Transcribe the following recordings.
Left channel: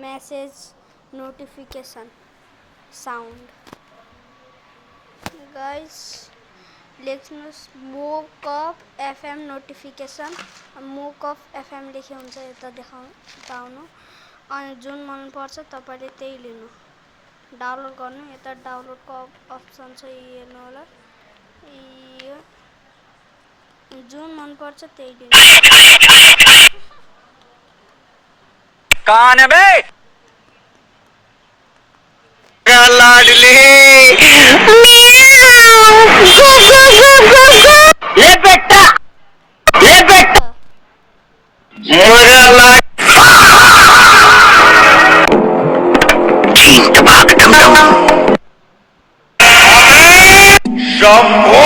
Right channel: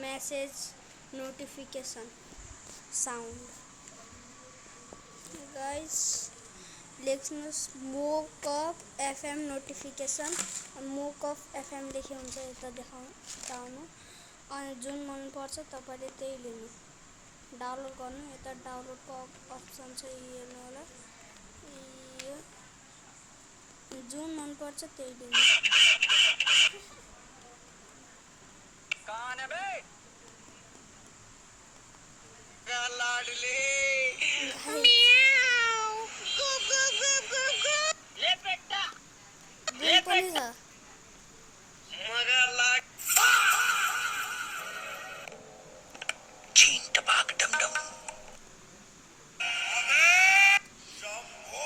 message notification sound. Guys, लेख्नुहोस् मोक of FM notification मोक अफ एफएम लेखे हुन्छ यता देखाउनु अनि जुन मन पर्छ तपाईले त्यही लिनु डाउनलोड गर्नु यता डाउनलोडको अप्सन छ हेर्नु होला जुन मन पर्छ त्यही लिनु कौन है बे लाडली ले बेटा मेरा लाड ठीक भाग तुम शंभो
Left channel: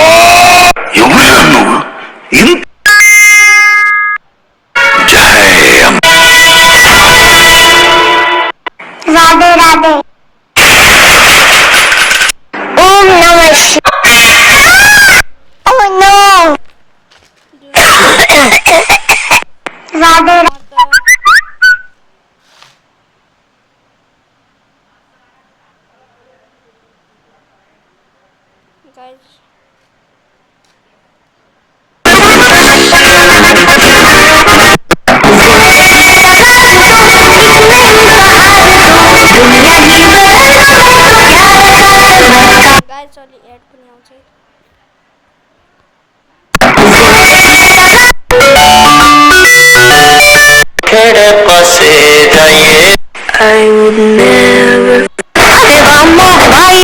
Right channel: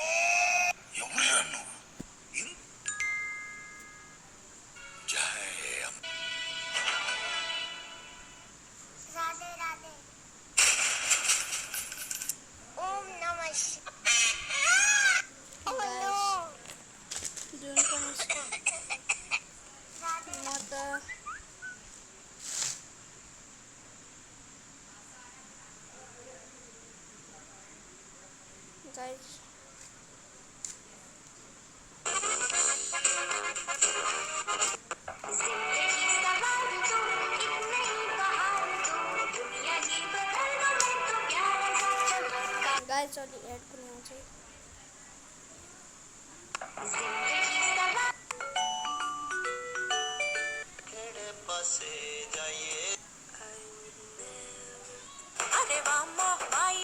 युवरानु इन जय राधे राधे ओम नमः शिवाय ओह नो राधे guys अलि एड पनि आउँछ तेरे पासे जाइए I would never अरे रामा भाई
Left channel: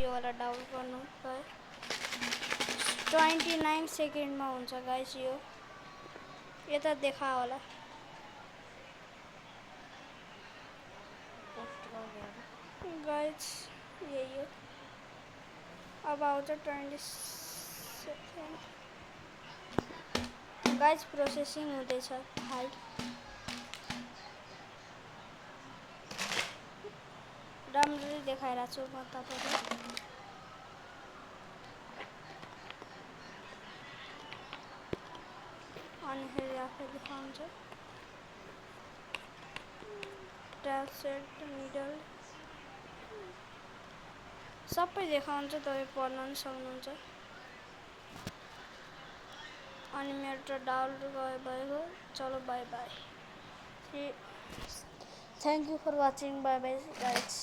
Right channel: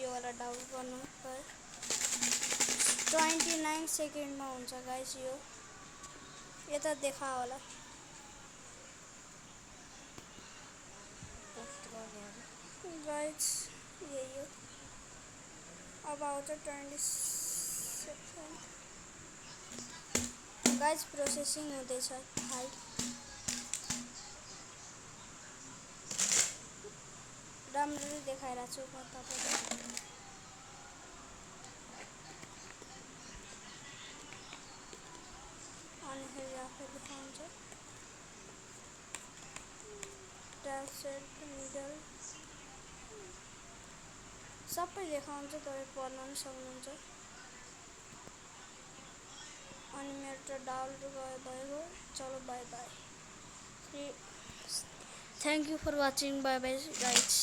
यो वाला डाउनलोड गर्नु 29 सेकेन्डमा हुन्छ गाइस यो यता देखा होला गाइस यही हो अब आउँछ 20 सेकेन्ड गाइस प्रोसेसिङ हुँदैछ हाई राम्ररी देखाइरहेको छु म तपाईलाई अनि फेरि आफै देखाउँछ ट्याब सेट मिडल सबै देखाउँछ तपाईँ पढ्न पनि सक्नुहुन्छ अनि मेरो त डाउनलोड भयो चलो by by thank you for watching by by guys